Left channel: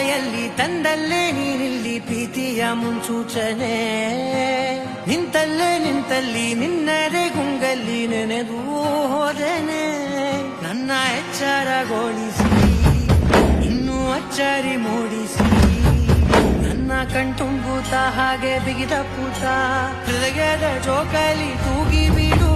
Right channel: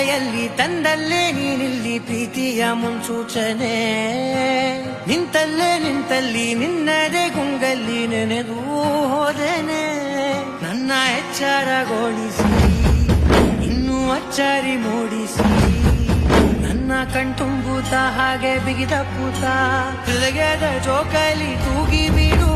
ಮಳೆಯಲ್ಲಿ ತಂದಲ್ಲೇ ನೀನಿಲ್ಲಿ ಪ್ರೀತಿಯ ಮುನ್ಸೂಚನೆ ನಿಂತಲ್ಲಿ ನಿನ್ನದೇ ಗುಂಗಲ್ಲಿ ನೆನೆದು ಹೋದೆನೆ ನನ್ನ ಎಚ್ಚರಗೊಳಿಸಿ ಇನ್ನೂ ಅಚ್ಚರಿ ಮೂಡಿಸಿ ನನ್ನ ಕಣ್ತುಂಬುತ್ತ ಹಾಗೆ ಬಿಗಿದ ಪೂತ ಹೃದಯದ ಜೋಕಾಲಿ ತೂಗಿ ಬಿಡು